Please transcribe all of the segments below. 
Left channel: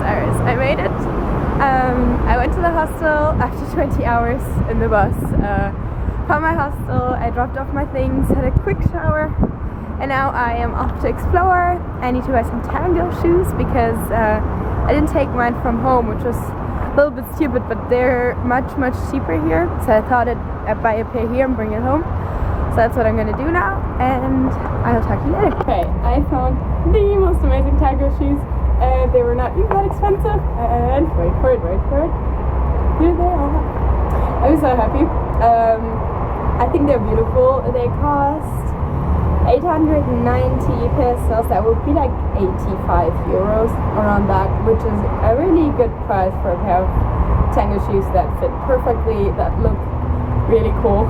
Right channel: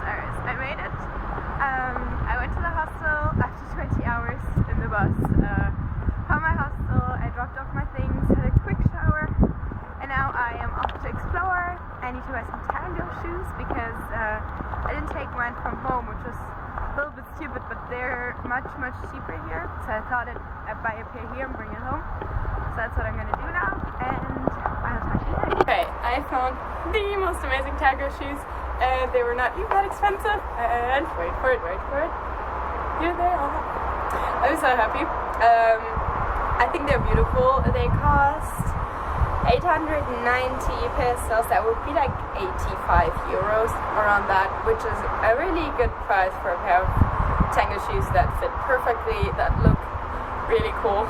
Buenos Aires. I made it. I went to the hostel after 20 hours in the bus. Found my hostel, I dropped off my things, had a quick shower, and now I am off to explore. I need to buy some tango shoes because I didn't take mine from home, which was a little bit stupid, but they're much cheaper here. So I thought I'd buy a pair here and bring it home. So that's what I'm gonna do now, and I will talk to you later. Okay, I found the most amazing tango shoes. They were not even that expensive, and wait for it. Here they are. I'm so happy. I think they're beautiful. They cost 890 pesos. That would be like 85 euros, around that, which is a really good price for a pair of tango shoes that fit perfectly, that look really cool.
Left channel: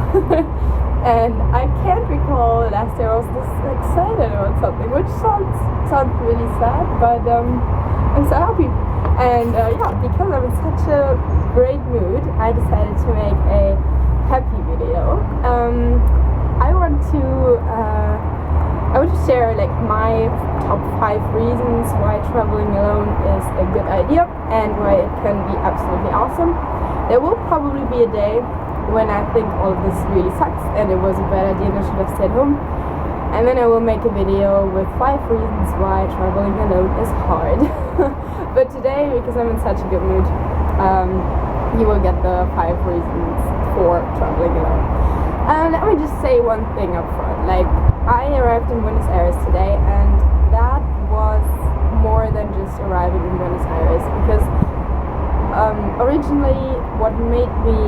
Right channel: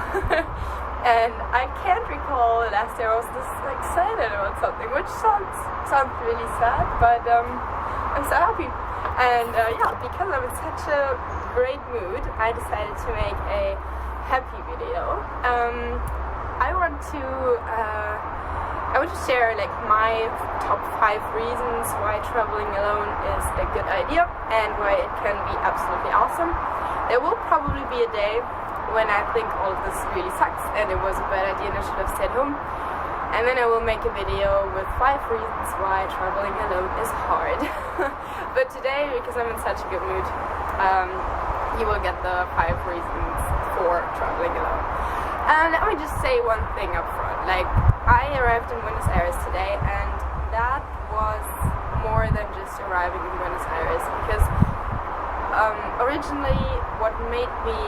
And I can't recall last year I was this excited about something, which sounds really sad, but I'm so happy. And yeah, because I'm in such a great mood, I decided to make a happy video. I want to share like my top 5 reasons why traveling alone is a good idea and why it can be absolutely awesome. There will probably be a day when I think all of this really sucks and it was a bad idea and I should have stayed home. And then I will make a video with 5 reasons why traveling alone is hard. But today, because I'm in such a good mood, you will get the 5 reasons for traveling alone. And let me just say one thing up front. Like, I arrived in Buenos Aires today, and that was more than just arriving in Buenos Aires, because originally what made me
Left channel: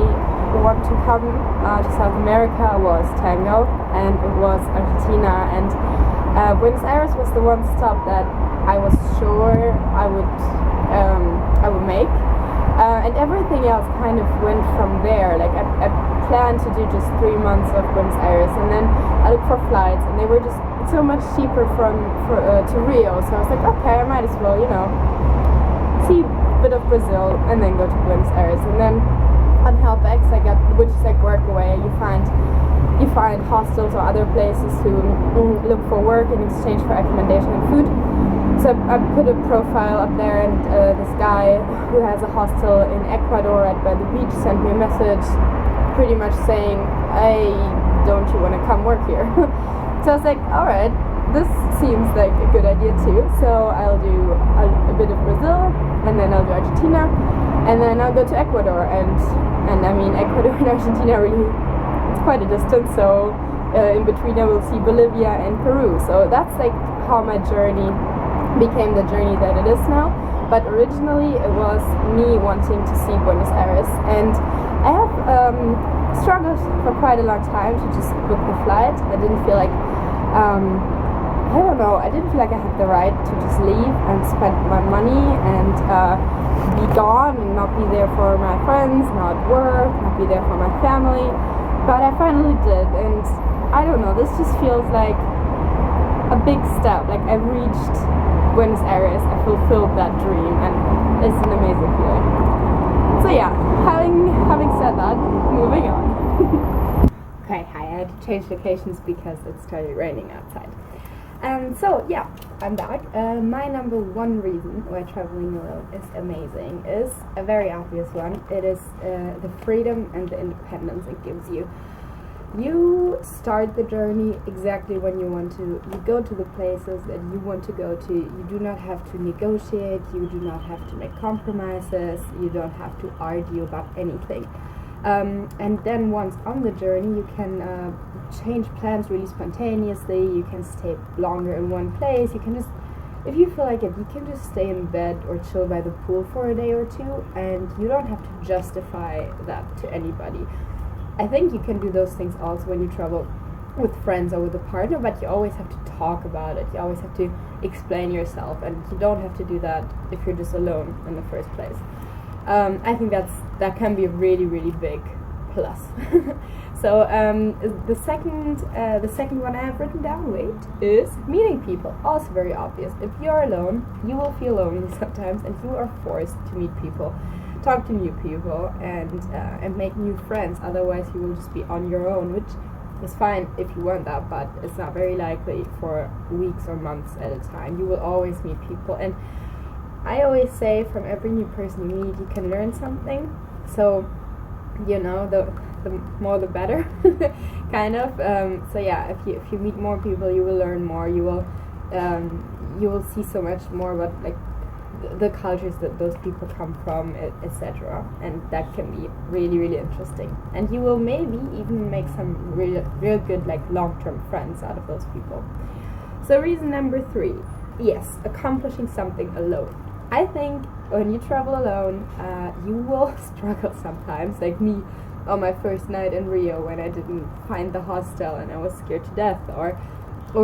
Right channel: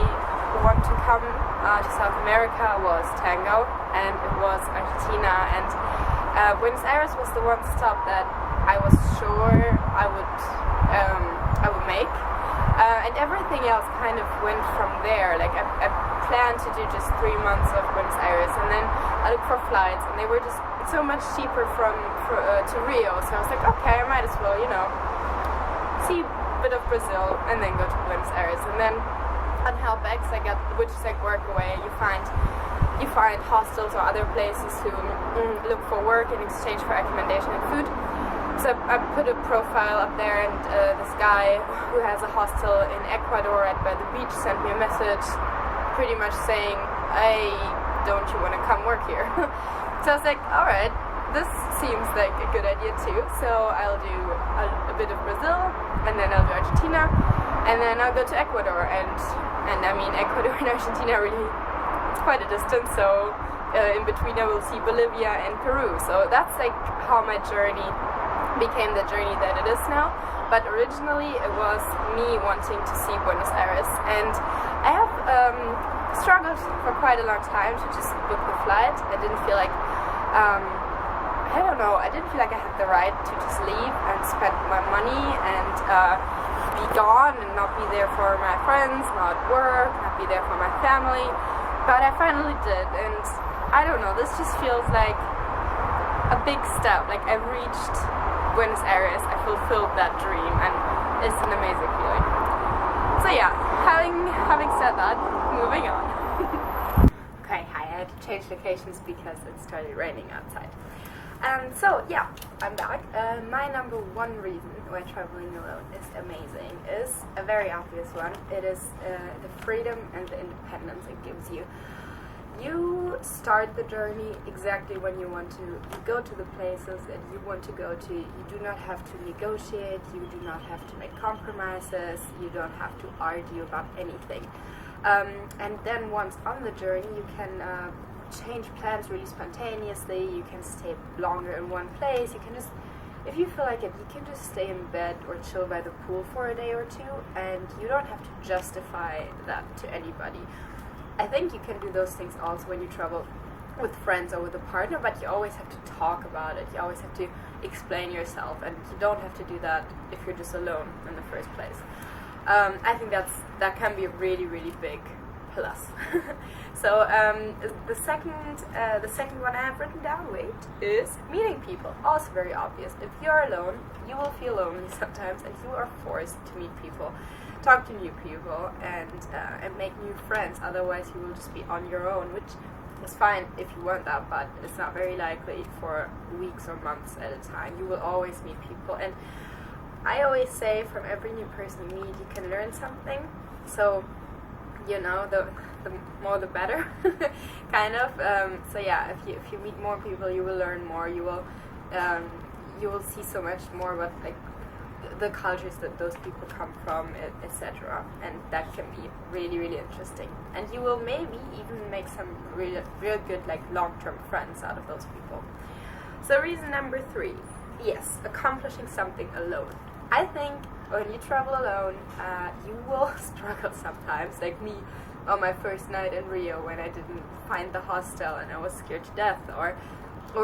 want to come to South America was tango, and it was Argentina, and Buenos Aires was the one stop that I was sure I would make, and everything else kind of went from there. Like I planned to do just 3 months of Buenos Aires, and then I looked for flights, and they were just so much cheaper to Rio. So I was like, okay, I might as well, see a bit of Brazil and then go to Buenos Aires, and then on Helpex which is like Workaway, you find hostels or other places to look for work in exchange for accommodation and food. So I put a profile up there, and this guy who has a hostel in Ecuador right by the beach sent me a message pretty much saying, hey, don't you want to come work here? So I was like, alright, this seems like a good idea too. So I'll do a bit of Brazil, and then I'll do Argentina, and then I'll go to Ecuador, and I mean Ecuador and Argentina really, it's quite a distance, so in between I will see Bolivia and Peru. So that's like how my journey became the journey that it is now. But originally it was me wanting to see Buenos Aires, and I have struggled for quite a long time to just book the flight. I didn't feel like I don't know, I didn't feel like I had the right to just leave and spend my money and be gone and not be there for my friends, not work, not be there for my family. But I finally did, and I don't know, this just feels like a big step. Like I reached Buenos Aires, I fulfilled that dream, and it's an amazing feeling. So yeah, having said that, moving on. Okay, hi, I had to change locations because it started raining outside. So yeah, I'm back. My number 1 reason why traveling alone is amazing is a very obvious one. It is the freedom and the independence it gives you. You start the journey exactly when you want to. You go to the places that you want to go to. You do not have to negotiate. You do not have to make compromises. You don't have to argue about anything. And then once on the journey, you can change plans really spontaneously. You can stay longer in one place. You can just, if you feel like it, you can just stay in bed or chill by the pool for a day or two, and you don't have to justify that to anybody. I think you can do those things also when you travel with friends or with a partner, but you always have to talk about it. You always have to explain yourself, and you don't have to do that if you're just alone in the first place. I think that can be a really, really big plus. So the second one I have written down, is meeting people. Also very obvious. If you're alone, you will feel lonely sometimes, and you are forced to meet people, talk to new people, and make new friends. Otherwise, you will just be on your own, which is fine if you want that, but it's not very likely for weeks or months at a time. You will always meet people, and I always say from every new person you meet, you can learn something. So, you know, the more the better, kind of. So yeah, if you meet more people, you will learn more. You will see so much more about like the cultures that those people come from, etc. And that can be really, really interesting. And you will maybe even make some real good like long-term friends out of those people. So reason number 3, yes, accomplishing something alone. I think when you travel alone, you will struggle sometimes, like me on my first night in Rio when I didn't find the hostel and I was scared to death, or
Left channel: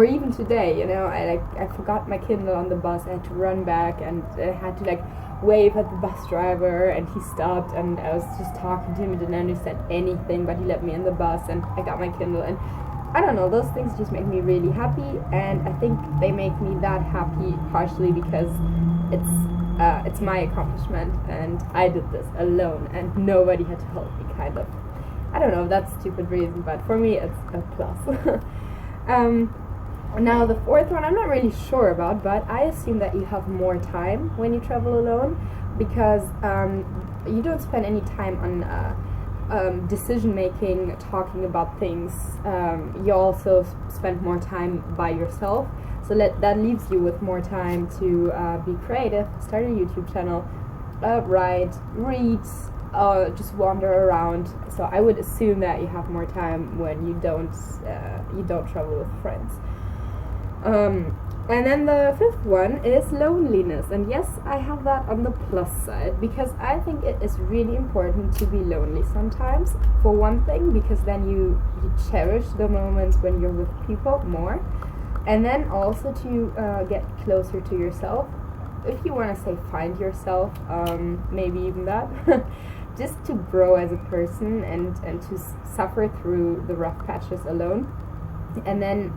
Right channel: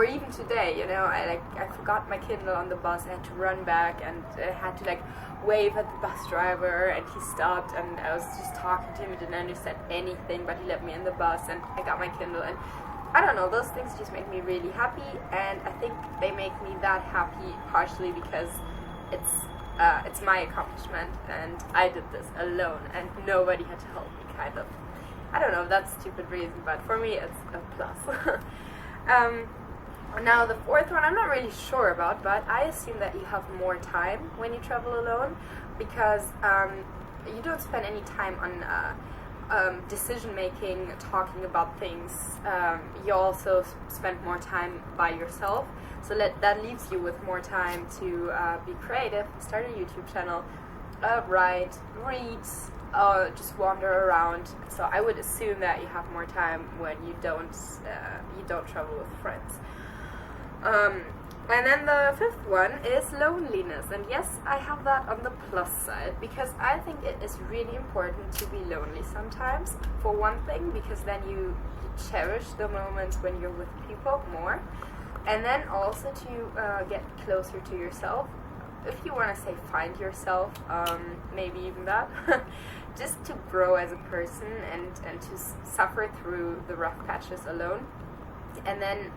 even today, you know, I forgot my Kindle on the bus. I had to run back and I had to like wave at the bus driver, and he stopped, and I was just talking to him and didn't understand anything, but he let me in the bus and I got my Kindle. And I don't know, those things just make me really happy, and I think they make me that happy partially because it's my accomplishment and I did this alone and nobody had to help me, kind of. I don't know, that's a stupid reason, but for me it's a plus. Now the 4th one I'm not really sure about, but I assume that you have more time when you travel alone, because you don't spend any time on decision making, talking about things. You also spend more time by yourself, so that leaves you with more time to be creative, start a YouTube channel, write, read, just wander around. So I would assume that you have more time when you don't travel with friends. And then the 5th one is loneliness, and yes, I have that on the plus side, because I think it is really important to be lonely sometimes. For one thing, because then you cherish the moments when you're with people more, and then also to get closer to yourself. If you want to say find yourself, maybe even that, just to grow as a person and to suffer through the rough patches alone, and then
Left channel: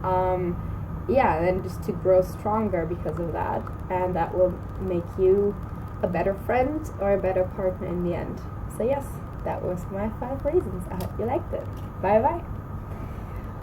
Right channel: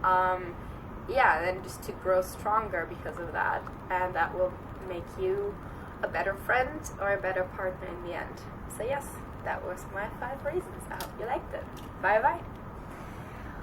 then just to grow stronger because of that, and that will make you a better friend or a better partner in the end. So yes, that was my 5 reasons. I hope you liked it. Bye bye.